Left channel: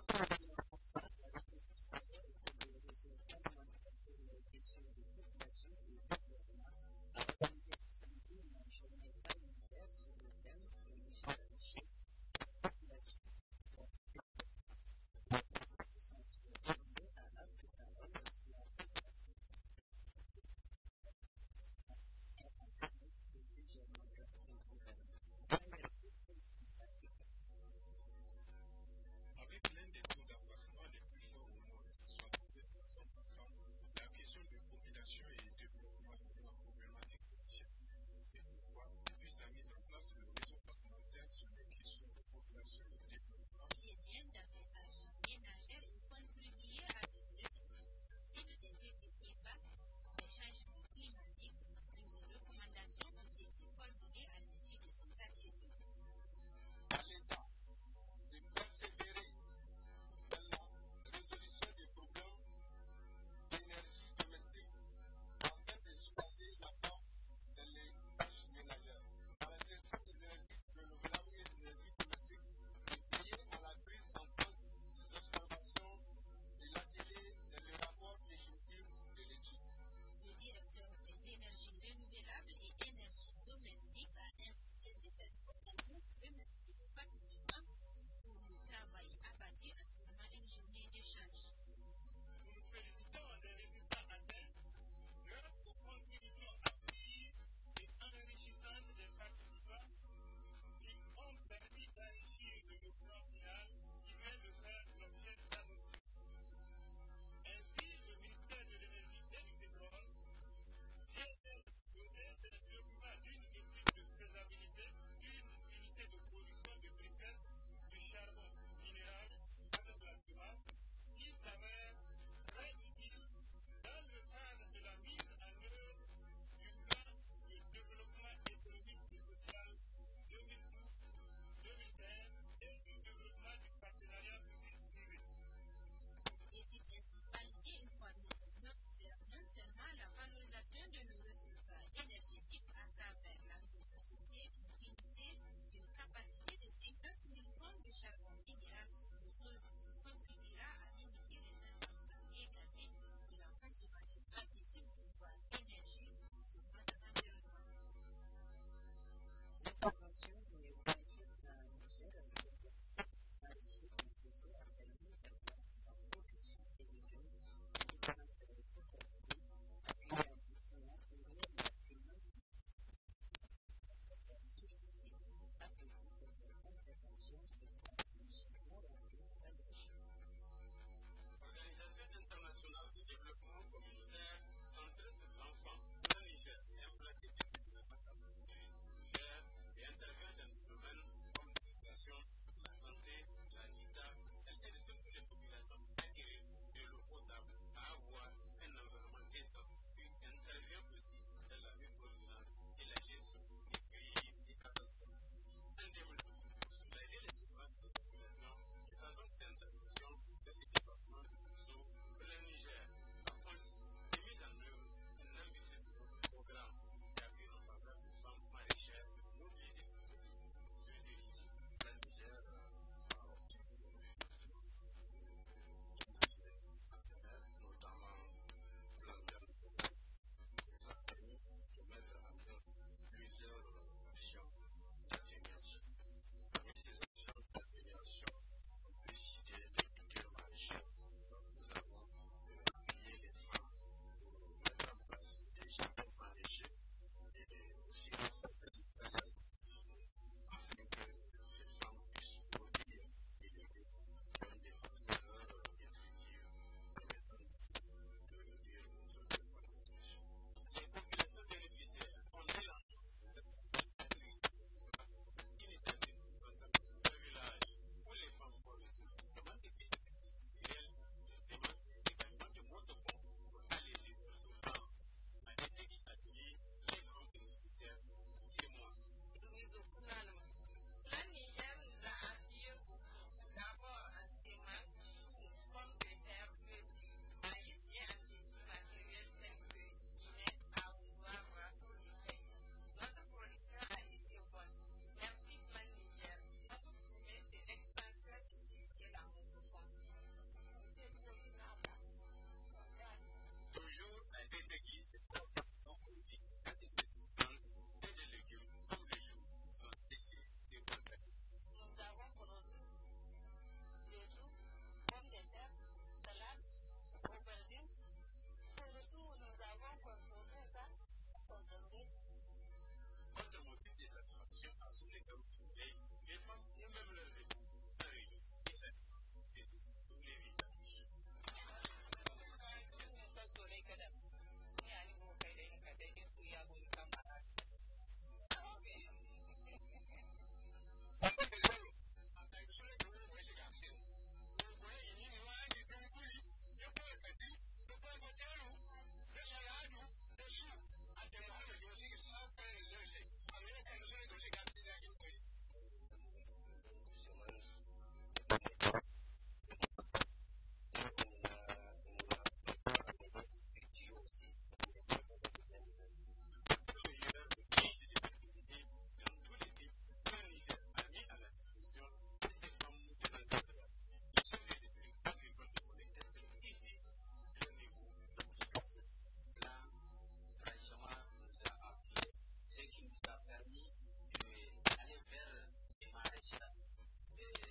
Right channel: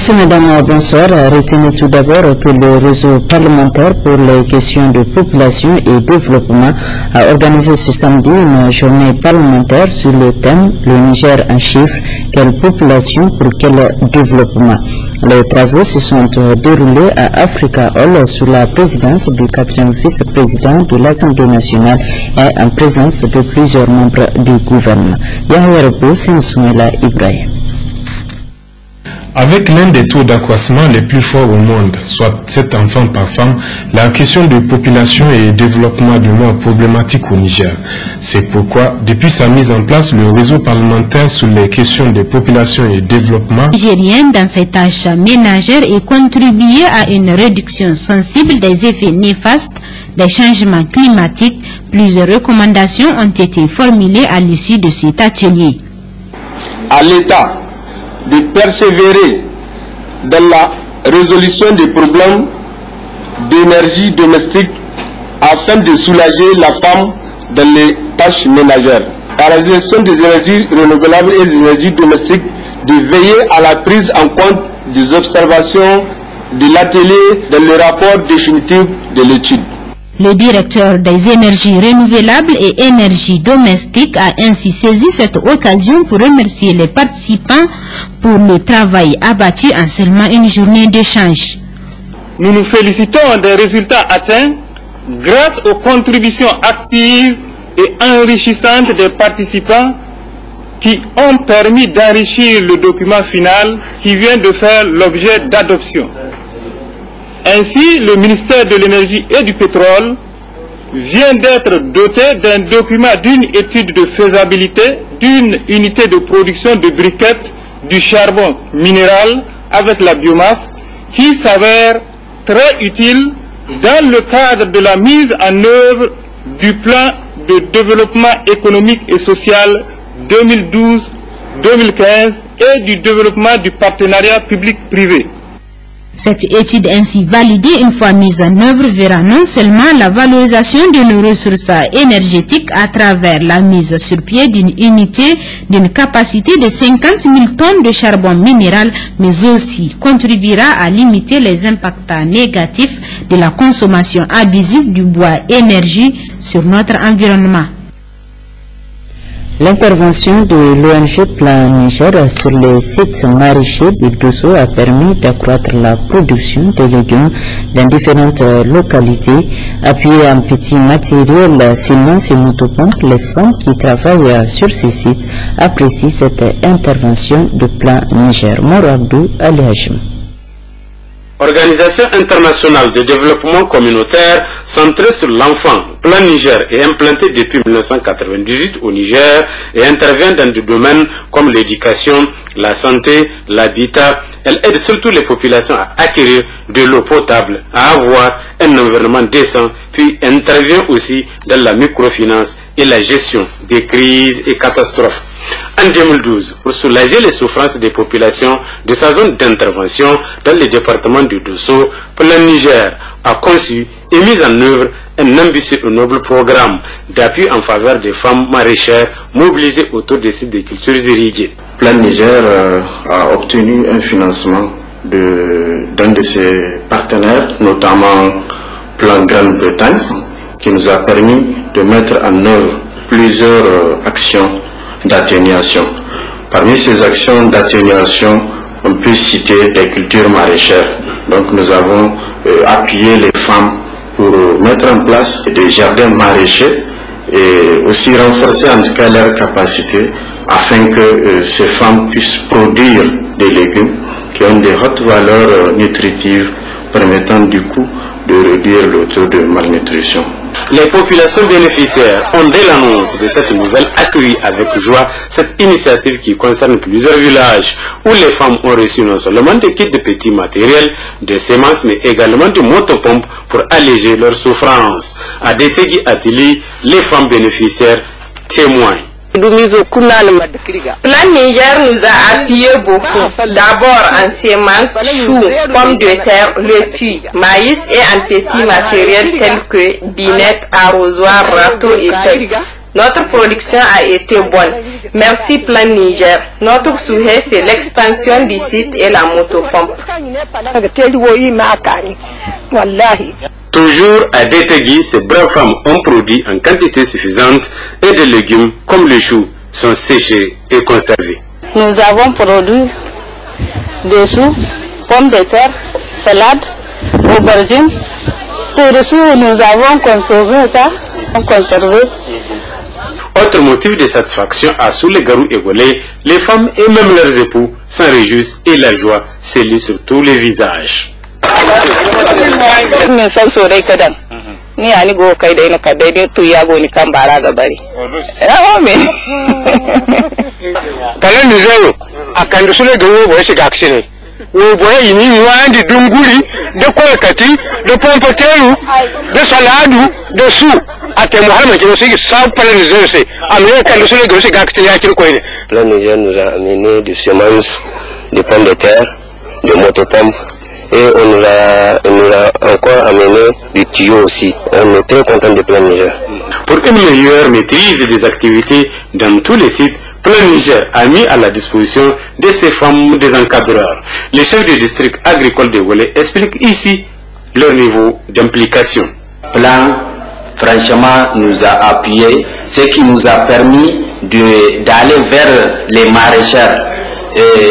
Monsieur, Madame, bonsoir. Retenez tout d'abord que le réseau parlementaire pour les questions de population et développement a organisé ce samedi une journée parlementaire sur le thème « Le Niger en chiffres, quelle population pour quel développement ». Les travaux se sont déroulés à Africa Hall sous la présidence du 4e vice-président de l'Assemblée nationale et en présence de plusieurs membres du gouvernement. Yahya Rabo, Sensouela Ibrahim. Avec l'un des taux d'accroissement les plus forts au monde, soit 7 enfants par femme, la question de population et développement demeure problématique au Niger. C'est pourquoi, depuis sa mise en place, le réseau parlementaire sur les questions de population et développement nigérien dans ses tâches ménagères et contribuer à une réduction sensible des effets néfastes des changements climatiques. Plusieurs recommandations ont été formulées à l'issue de cet atelier. À l'État de persévérer dans la résolution des problèmes d'énergie domestique afin de soulager la femme dans les tâches ménagères. À la direction des énergies renouvelables et des énergies domestiques de veiller à la prise en compte des observations de l'atelier dans le rapport définitif de l'étude. Le directeur des énergies renouvelables et énergies domestiques a ainsi saisi cette occasion pour remercier les participants pour le travail abattu en seulement une journée d'échange. Nous nous félicitons des résultats atteints grâce aux contributions actives et enrichissantes des participants qui ont permis d'enrichir le document final qui vient de faire l'objet d'adoption. Ainsi, le ministère de l'Énergie et du Pétrole vient d'être doté d'un document d'une étude de faisabilité d'une unité de production de briquettes du charbon minéral avec la biomasse qui s'avère très utile dans le cadre de la mise en œuvre du plan de développement économique et social 2012-2015 et du développement du partenariat public-privé. Cette étude ainsi validée une fois mise en œuvre verra non seulement la valorisation de nos ressources énergétiques à travers la mise sur pied d'une unité d'une capacité de 50 000 tonnes de charbon minéral, mais aussi contribuera à limiter les impacts négatifs de la consommation abusive du bois énergie sur notre environnement. L'intervention de l'ONG Plan Niger sur les sites maraîchers de Dosso a permis d'accroître la production de légumes dans différentes localités. Appuyées en petits matériels, semences et motopompes, les femmes qui travaillent sur ces sites apprécient cette intervention de Plan Niger. Moro Abdou Ali Hachim. Organisation internationale de développement communautaire centrée sur l'enfant, Plan Niger est implantée depuis 1998 au Niger et intervient dans des domaines comme l'éducation, la santé, l'habitat. Elle aide surtout les populations à acquérir de l'eau potable, à avoir un environnement décent, puis intervient aussi dans la microfinance et la gestion des crises et catastrophes. En 2012, pour soulager les souffrances des populations de sa zone d'intervention dans le département du Dosso, Plan Niger a conçu et mis en œuvre un ambitieux et noble programme d'appui en faveur des femmes maraîchères mobilisées autour des sites de cultures irriguées. Plan Niger a obtenu un financement d'un de ses partenaires, notamment Plan Grande-Bretagne, qui nous a permis de mettre en œuvre plusieurs actions d'atténuation. Parmi ces actions d'atténuation, on peut citer les cultures maraîchères. Donc nous avons appuyé les femmes pour mettre en place des jardins maraîchers et aussi renforcer en tout cas leur capacité afin que ces femmes puissent produire des légumes qui ont des hautes valeurs nutritives permettant du coup de réduire le taux de malnutrition. Les populations bénéficiaires ont dès l'annonce de cette nouvelle accueilli avec joie cette initiative qui concerne plusieurs villages où les femmes ont reçu non seulement des kits de petits matériels, des semences mais également des motopompes pour alléger leurs souffrances. À Détegui Atili, les femmes bénéficiaires témoignent. Plan Niger nous a appuyé beaucoup. D'abord en semences, choux, pommes de terre, laitue, maïs et en petits matériels tels que binettes, arrosoirs, râteaux et feuilles. Notre production a été bonne. Merci Plan Niger. Notre souhait, c'est l'expansion du site et la motopompe. Toujours à Détégui, ces braves femmes ont produit en quantité suffisante et des légumes comme le chou sont séchés et conservés. Nous avons produit des choux, pommes de terre, salade, aubergines. Pour le chou, nous avons conservé. Autre motif de satisfaction à Soulegarou et Golé, les femmes et même leurs époux s'en réjouissent et la joie s'élit sur tous les visages. Plan Niger nous a amené des semences, des pommes de terre, des motopompes et on nous a encore amené des tuyaux aussi. On est très content de Plan Niger. Pour une meilleure maîtrise des activités dans tous les sites, Plan Niger a mis à la disposition de ces femmes des encadreurs. Le chef du district agricole de Golé explique ici leur niveau d'implication. Plan, franchement, nous a appuyé, ce qui nous a permis d'aller vers les maraîchers,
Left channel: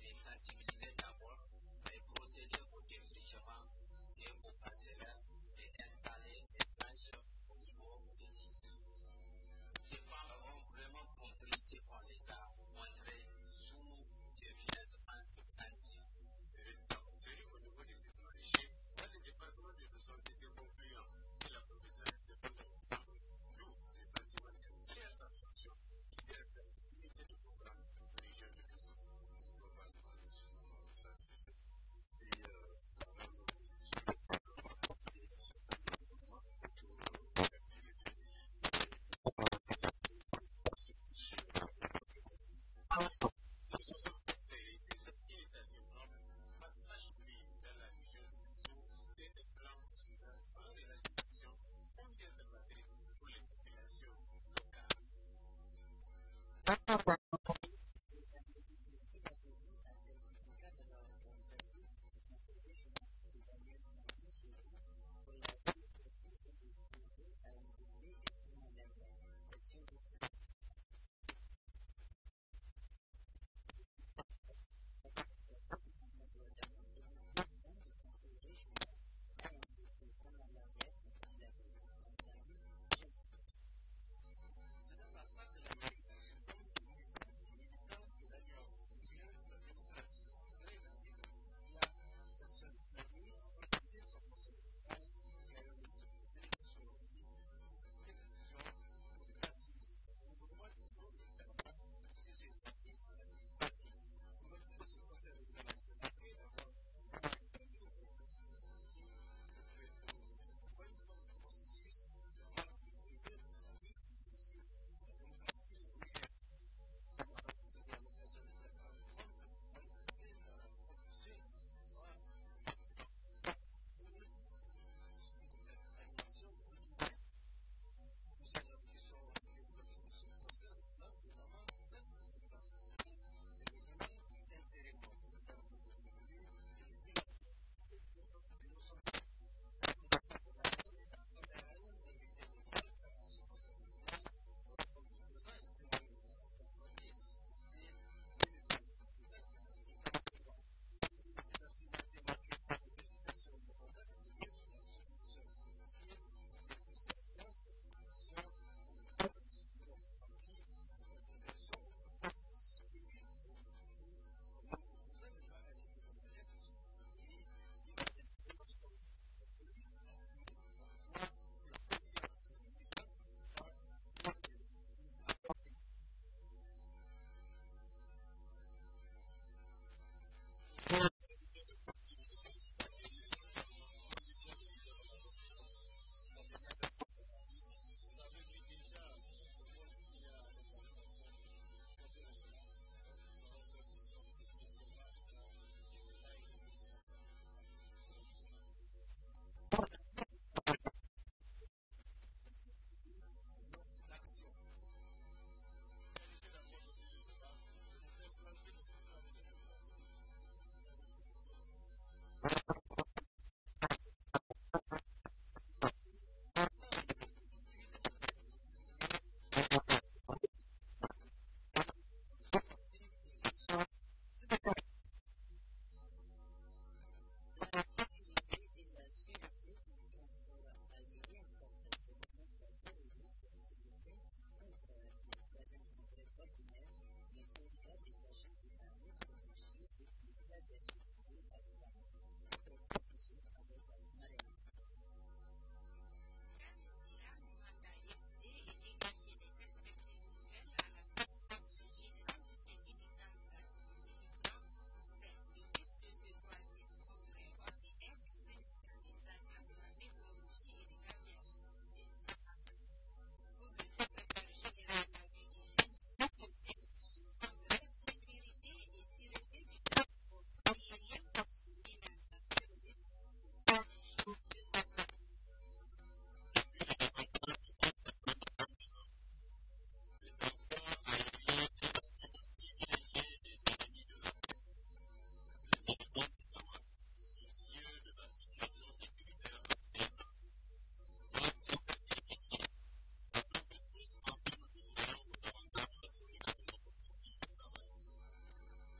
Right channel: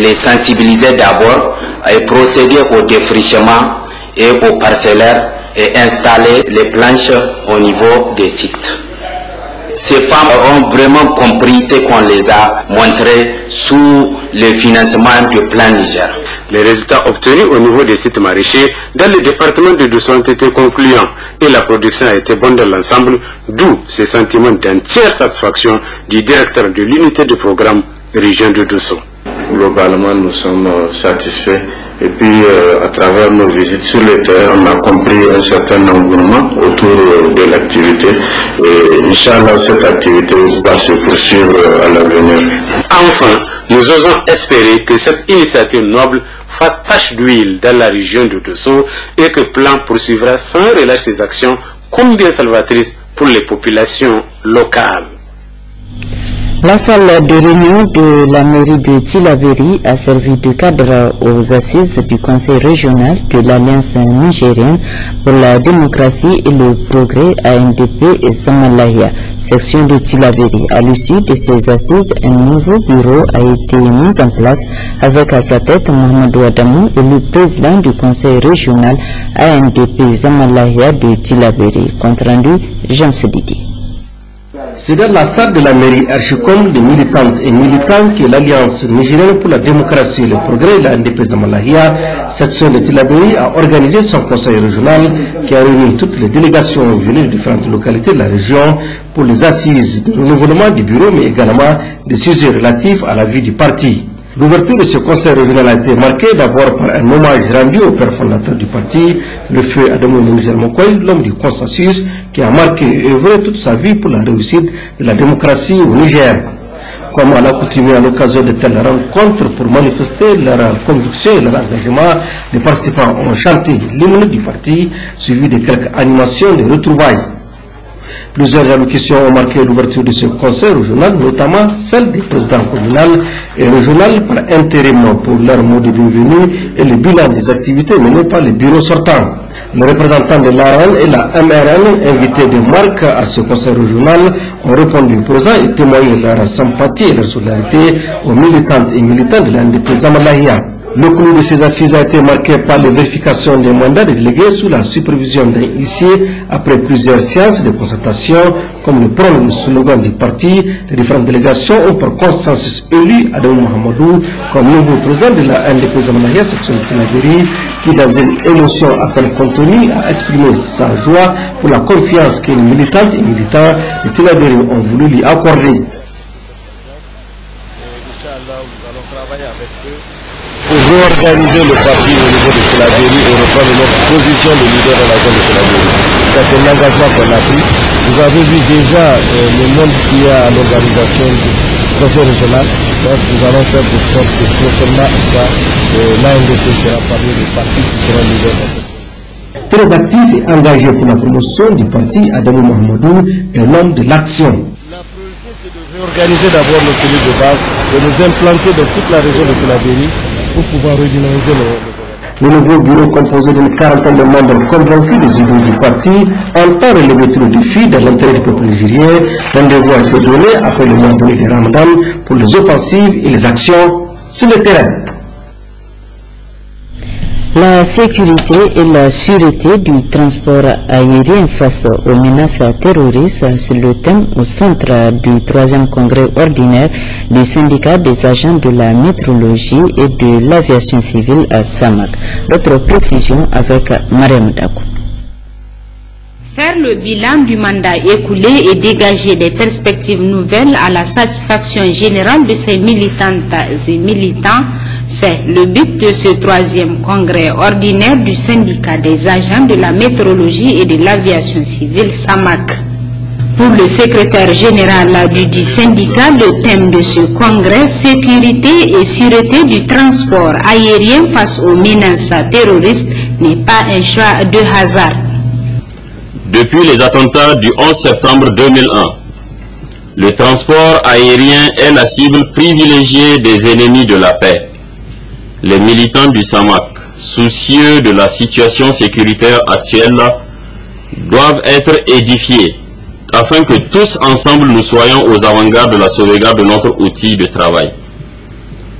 les sensibiliser d'abord et procéder au défrichement et aux parcellaires et installer les planches au niveau des sites. Ces femmes ont vraiment compris ce qu'on les a montré sous le financement du Plan Niger. Les résultats obtenus au niveau des sites maraîchers dans le département de Dosso ont été concluants et la production a été bonne dans l'ensemble, d'où ce sentiment d'entière satisfaction du directeur de l'unité de programme région de Dosso. Globalement, nous sommes satisfaits. Et puis, à travers nos visites sur le terrain, on a compris un certain engouement autour de l'activité. Et Inch'Allah, cette activité va se poursuivre à l'avenir. Enfin, nous osons espérer que cette initiative noble fasse tache d'huile dans la région de Dosso et que Plan poursuivra sans relâche ses actions combien salvatrices pour les populations locales. La salle de réunion de la mairie de Tillabéri a servi de cadre aux assises du conseil régional de l'Alliance nigérienne pour la démocratie et le progrès ANDP et Samalahia, section de Tillabéri. À l'issue de ces assises, un nouveau bureau a été mis en place avec à sa tête Mohamedou Adamou et le président du conseil régional ANDP Samalahia de Tillabéri. Compte rendu, Jean Sediki. C'est dans la salle de la mairie Archicom des militantes et militants que l'Alliance nigérienne pour la démocratie et le progrès, la NDP Samalahia, section de Tillabéri, a organisé son conseil régional qui a réuni toutes les délégations venues de différentes localités de la région pour les assises de renouvellement du bureau, mais également des sujets relatifs à la vie du parti. L'ouverture de ce conseil régional a été marquée d'abord par un hommage rendu au père fondateur du parti, le feu Adamou Mounizer Mokoy, l'homme du consensus, qui a marqué et œuvré toute sa vie pour la réussite de la démocratie au Niger. Comme à l'accoutumée à l'occasion de telles rencontres pour manifester leur conviction et leur engagement, les participants ont chanté l'hymne du parti, suivi de quelques animations de retrouvailles. Plusieurs allocutions ont marqué l'ouverture de ce conseil régional, notamment celle des présidents communaux et régionaux par intérim pour leur mot de bienvenue et le bilan des activités menées par les bureaux sortants. Les représentants de l'ARN et la MRN, invités de marque à ce conseil régional, ont répondu présents et témoigné leur sympathie et leur solidarité aux militantes et militants de la NDP Samalahia. Le clou de ces assises a été marqué par la vérification des mandats des délégués sous la supervision d'un huissier après plusieurs séances de concertation, comme le prône le slogan du parti. Les différentes délégations ont par consensus élu Adamou Mohamedou comme nouveau président de la NDP Samalahia section de Tillabéri, qui dans une émotion à peine contenue a exprimé sa joie pour la confiance que les militantes et militants de Tillabéri ont voulu lui accorder. Pour réorganiser le parti au niveau de Tillabéri et reprendre notre position de leader dans la zone de Tillabéri. C'est un engagement qu'on a pris. Vous avez vu déjà le monde qu'il y a à l'organisation du conseil régional. Donc nous allons faire de sorte que prochainement l'ANDP sera parmi les partis qui seront leaders dans cette zone. Très actif et engagé pour la promotion du parti, Adamou Mohamedou est l'homme de l'action. Organiser d'abord nos cellules de base et nous implanter dans toute la région de Tillabéri pour pouvoir redynamiser le nouveau bureau composé d'une quarantaine de membres convaincus des idées du parti entend relever tous les défis de l'intérêt du peuple nigérien. Rendez-vous a été donné après le mois de Ramadan pour les offensives et les actions sur le terrain. La sécurité et la sûreté du transport aérien face aux menaces terroristes, c'est le thème au centre du 3e congrès ordinaire du syndicat des agents de la météorologie et de l'aviation civile à Samak. D'autres précisions avec Mariam Dakou. Faire le bilan du mandat écoulé et dégager des perspectives nouvelles à la satisfaction générale de ces militantes et militants, c'est le but de ce 3e congrès ordinaire du syndicat des agents de la météorologie et de l'aviation civile SAMAC. Pour le secrétaire général du syndicat, le thème de ce congrès, sécurité et sûreté du transport aérien face aux menaces terroristes, n'est pas un choix de hasard. Depuis les attentats du 11 septembre 2001, le transport aérien est la cible privilégiée des ennemis de la paix. Les militants du SAMAC, soucieux de la situation sécuritaire actuelle, doivent être édifiés afin que tous ensemble nous soyons aux avant-gardes de la sauvegarde de notre outil de travail.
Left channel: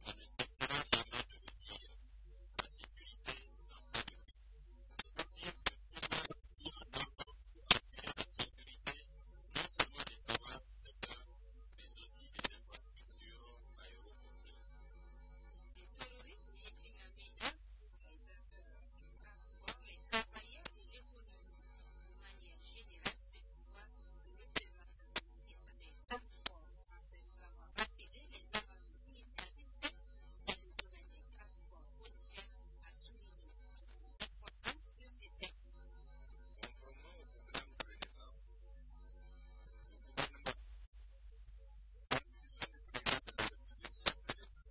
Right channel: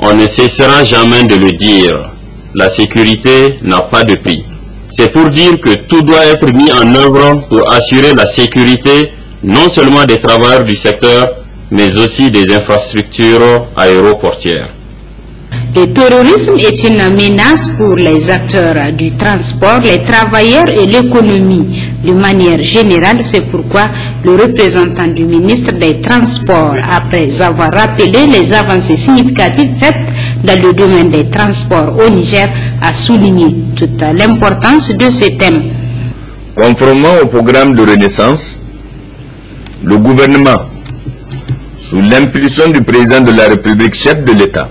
On ne cessera jamais de le dire, la sécurité n'a pas de prix. C'est pour dire que tout doit être mis en œuvre pour assurer la sécurité non seulement des travailleurs du secteur, mais aussi des infrastructures aéroportières. Le terrorisme est une menace pour les acteurs du transport, les travailleurs et l'économie. De manière générale, c'est pourquoi le représentant du ministre des Transports, après avoir rappelé les avancées significatives faites dans le domaine des transports au Niger, a souligné toute l'importance de ce thème. Conformément au programme de renaissance, le gouvernement, sous l'impulsion du président de la République, chef de l'État,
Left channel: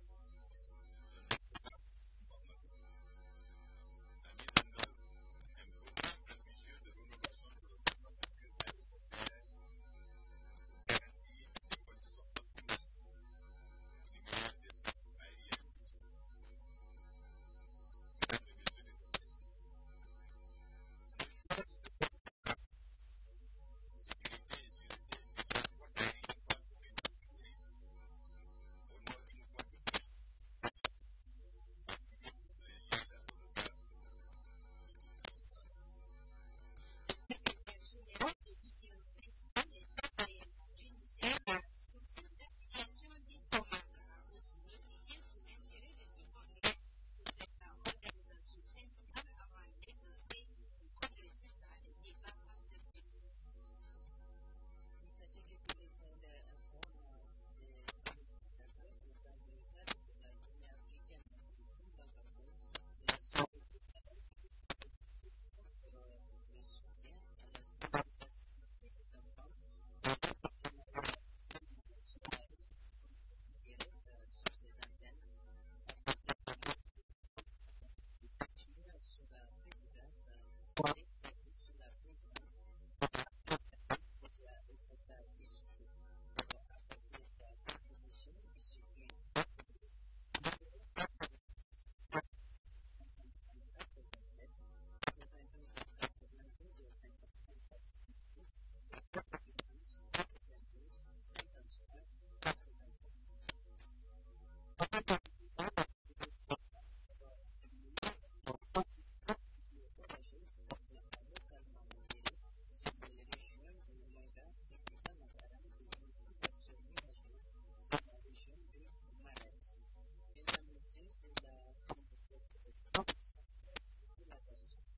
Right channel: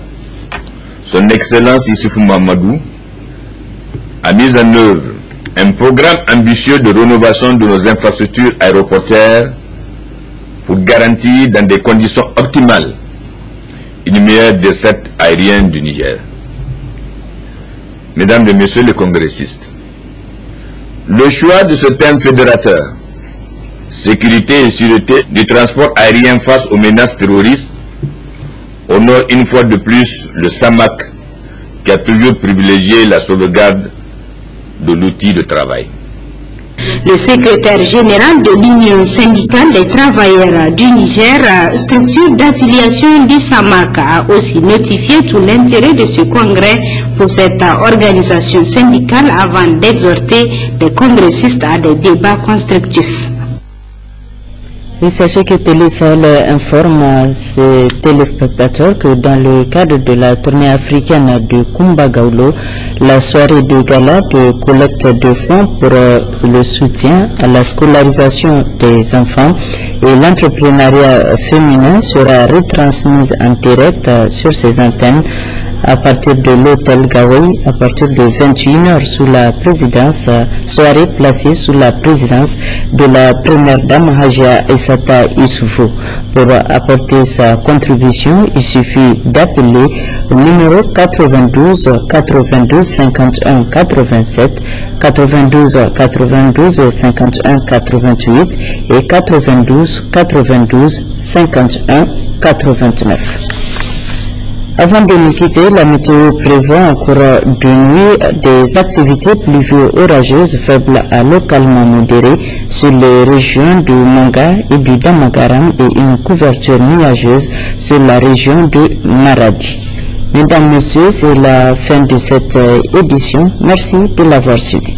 Son Excellence Issoufou Mahamadou, a mis en œuvre un programme ambitieux de rénovation de nos infrastructures aéroportières pour garantir dans des conditions optimales une meilleure desserte aérienne du Niger. Mesdames et Messieurs les congressistes, le choix de ce thème fédérateur, sécurité et sûreté du transport aérien face aux menaces terroristes, honore une fois de plus le SAMAC qui a toujours privilégié la sauvegarde de l'outil de travail. Le secrétaire général de l'Union syndicale des travailleurs du Niger, structure d'affiliation du SAMAC, a aussi notifié tout l'intérêt de ce congrès pour cette organisation syndicale avant d'exhorter les congressistes à des débats constructifs. Oui, sachez que Télé Sahel informe ses téléspectateurs que dans le cadre de la tournée africaine de Kumba Gaulo, la soirée de gala de collecte de fonds pour le soutien à la scolarisation des enfants et l'entrepreneuriat féminin sera retransmise en direct sur ces antennes à partir de l'hôtel Gawai à partir de 21h sous la présidence, soirée placée sous la présidence de la première dame Hajia Aissata Issoufou. Pour apporter sa contribution, il suffit d'appeler au numéro 92 92 51 87, 92 92 51 88 et 92 92 51 89. Avant de nous quitter, la météo prévoit en cours de nuit des activités pluvio-orageuses faibles à localement modérées sur les régions du Manga et du Damagaram et une couverture nuageuse sur la région de Maradi. Mesdames, Messieurs, c'est la fin de cette édition. Merci de l'avoir suivi.